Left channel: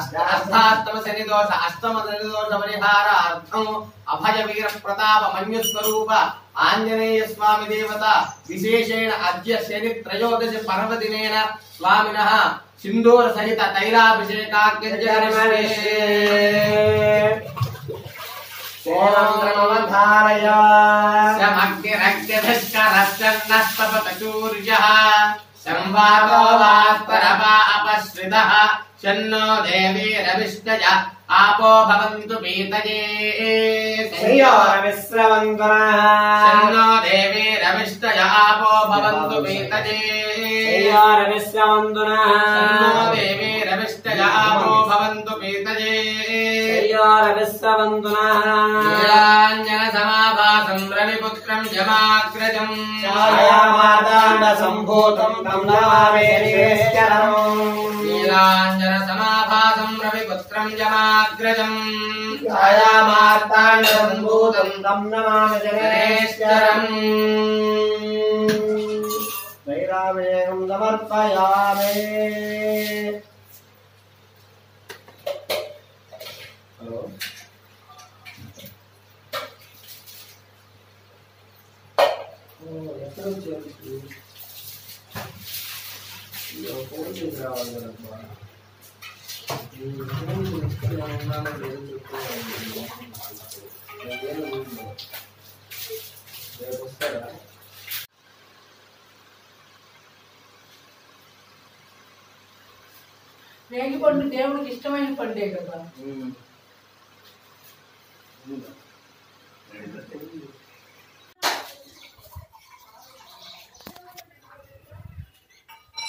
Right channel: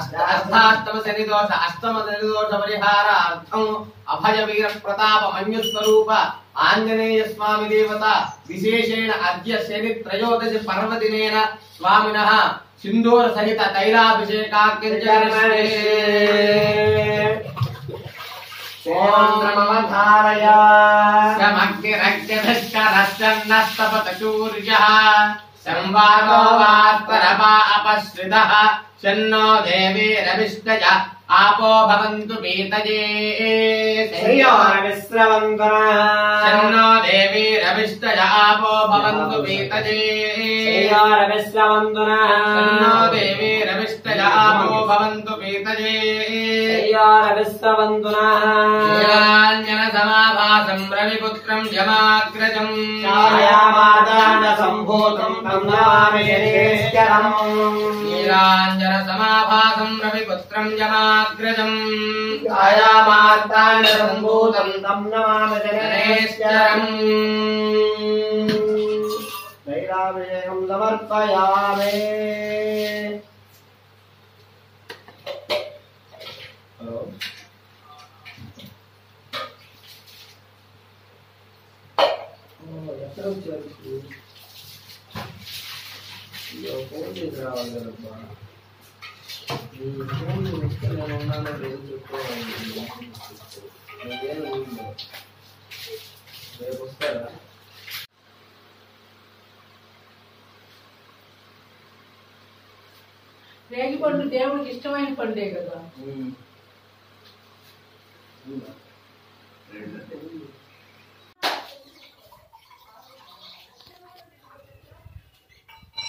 అష్టాష్టమ శని దోష అష్టమ శని దోష పరిహారార్థం అభయ వీర ప్రతాప మన్యు స్వరూప ఆంజనేయ స్వామి దేవత విశేషేణ అద్య శని త్రయోదశి పర్వదినేన స్వామినః సింధూర సహిత తైలాభిషేకాఖ్యం సేవంద్రమవధారయ సమగ్రగ్రధస్కరశ్చన్నస్తపతచూర్యః సంవాదో వాత్పరపా అపశ్రితః శన్నో దేవీరవిష్టయ आपो भवन्तु पीतये श्रेयोरविश्रवन्तुनः शन्नो देवीरविष्टय आपो भवन्तु पीतये श्रेयोरविश्रवन्तुनः शन्नो देवीरविष्टय आपो भवन्तु पीतये श्रेयोरविश्रवन्तुनः नीलाञ्जनसमाभासं रविपुत्रं यमाग्रजम् छायामार्ताण्डसम्भूतं तं नमामि शनिश्चरम् नीलाञ्जनसमाभासं रविपुत्रं यमाग्रजम् छायामार्ताण्डसम्भूतं तं नमामि शनिश्चरम् वैरामेयं समर्पयामि రేగి పండు దేవుడికి ఇష్టమైన పండే కదా.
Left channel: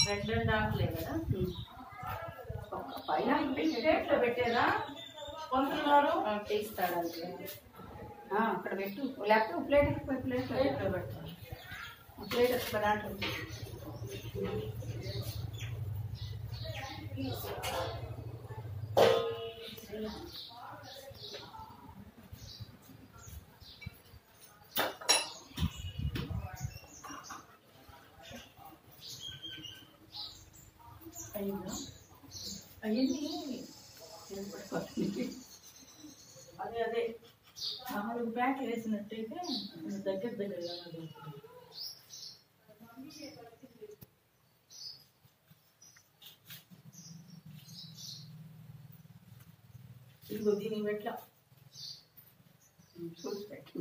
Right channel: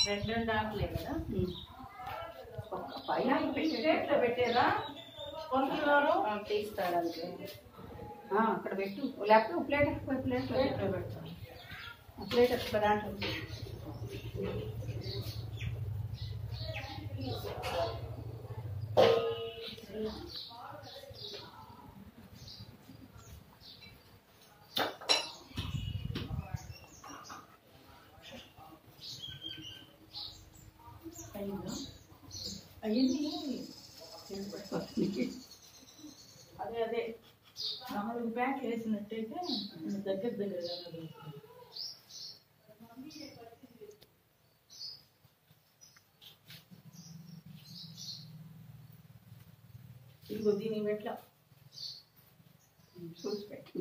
రెండు ఆకులే కదా. పైన ప్లేట్లో పెట్టేదా పంతులు గారు తీస్తాడు అంతే. అక్కడ పెట్టు లేకపోతే ప్లేట్ ప్లేట్లో పెడతాను. ప్లేట్ ఎక్కడ దాంట్లో అయ్యింది. అదే అదే 4 ప్యాక్లు వేసినట్టయితే దగ్గర దగ్గరగా ఇదిగో దీనికి పెట్లా చూసి పెట్టు.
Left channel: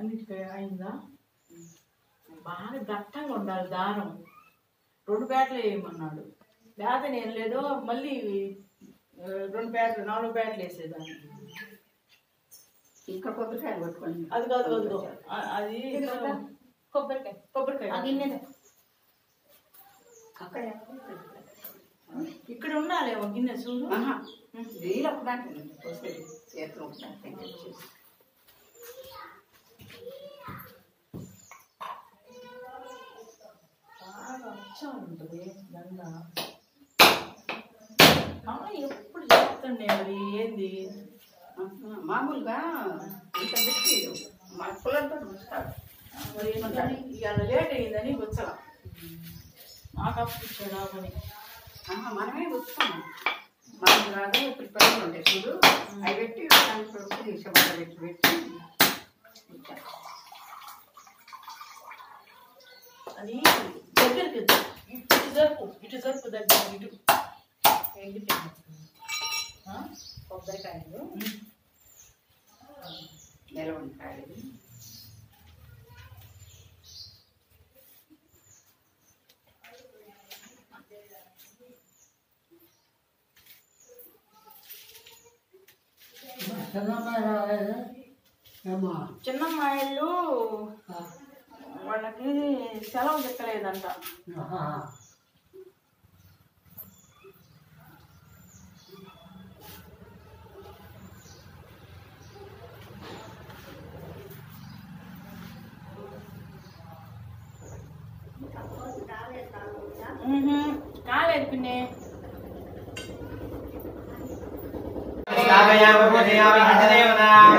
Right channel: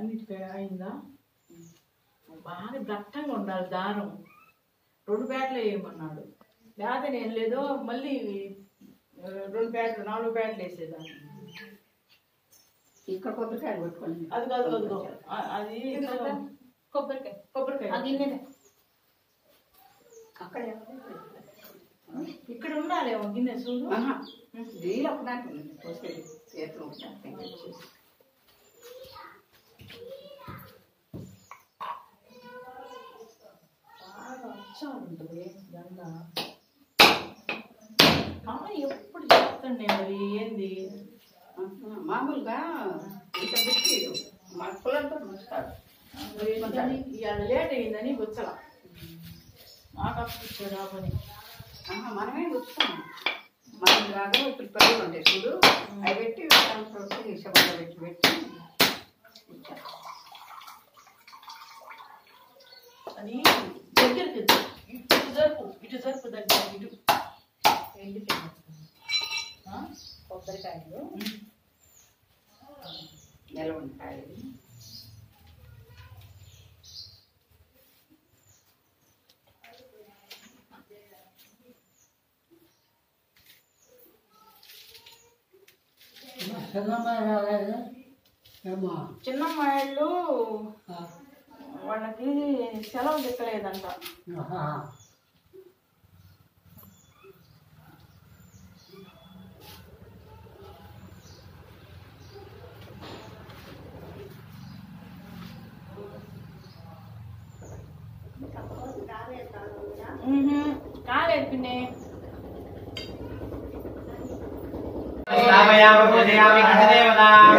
అన్నిటికీ అయిందా? బాగా దట్టంగా ఉండాలి దారం. 2 ప్యాట్లు వేయమన్నాడు. లేకపోతే నేను లేదో మళ్ళీ 2 ప్యాట్లు 4 ప్యాట్లు వేసేదాన్ని. ఇక్కడ కొబ్బరికాయ కొట్టుకోండి. అది కాదు వద్దు. అది కొబ్బరికాయ అక్కడ ఇక్కడ ఉండాలి గిన్నె చూడు. నీళ్ళు ఒకదానికి వస్తుంది చేతులు ఒకదానికి ఉంటుంది దండ. ఎప్పుడు చెప్తుండే మరి ఏంది మామూలుగా ఇంత పెట్టి మా పిల్లలతో చూస్తాడు. మరి ఇవాళ లేట్ అయిందని గుచ్చల నాకు అప్పించాడా అని. మనమే గుచ్చుకున్నాం. మనం లాగా ఇప్పుడు పిల్లలు ఉండే చూడు అవి పెట్టి దాంట్లో తీసేవాళ్ళు పెట్టి పెట్టి అది దగ్గరికి ఇటు జరుపు దగ్గర ఇటు కొబ్బరికాయలు నిలవంకాయలు చిన్నమ్మాయిళ్ళు వాళ్ళకి సెలవు దక్కలేదంట. కాలేదు పిన్ని. स्थापयामि पूजयामि हठदेवतां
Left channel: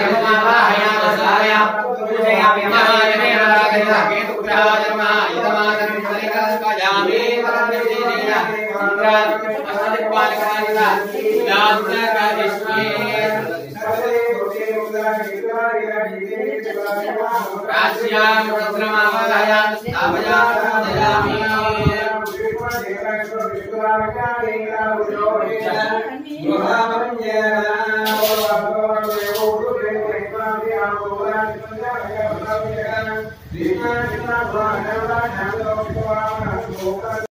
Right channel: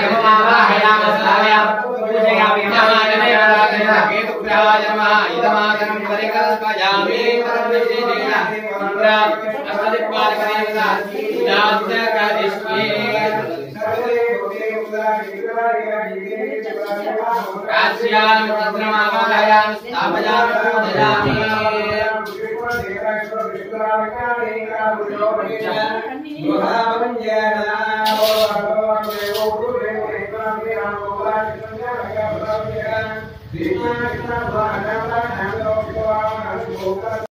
यममावाहयामि स्थापयामि पूजयामि यमाय देवता केतुग्रहाय नमः इदमादनं परिकल्पयामि परमेश्वरेण इंद्रात् अष्टदिक्पालकदेवता याज्ञकरिष्ये राष्ट्रियां चन्द्रमावाहयामि स्थापयामि पूजयामि Krishna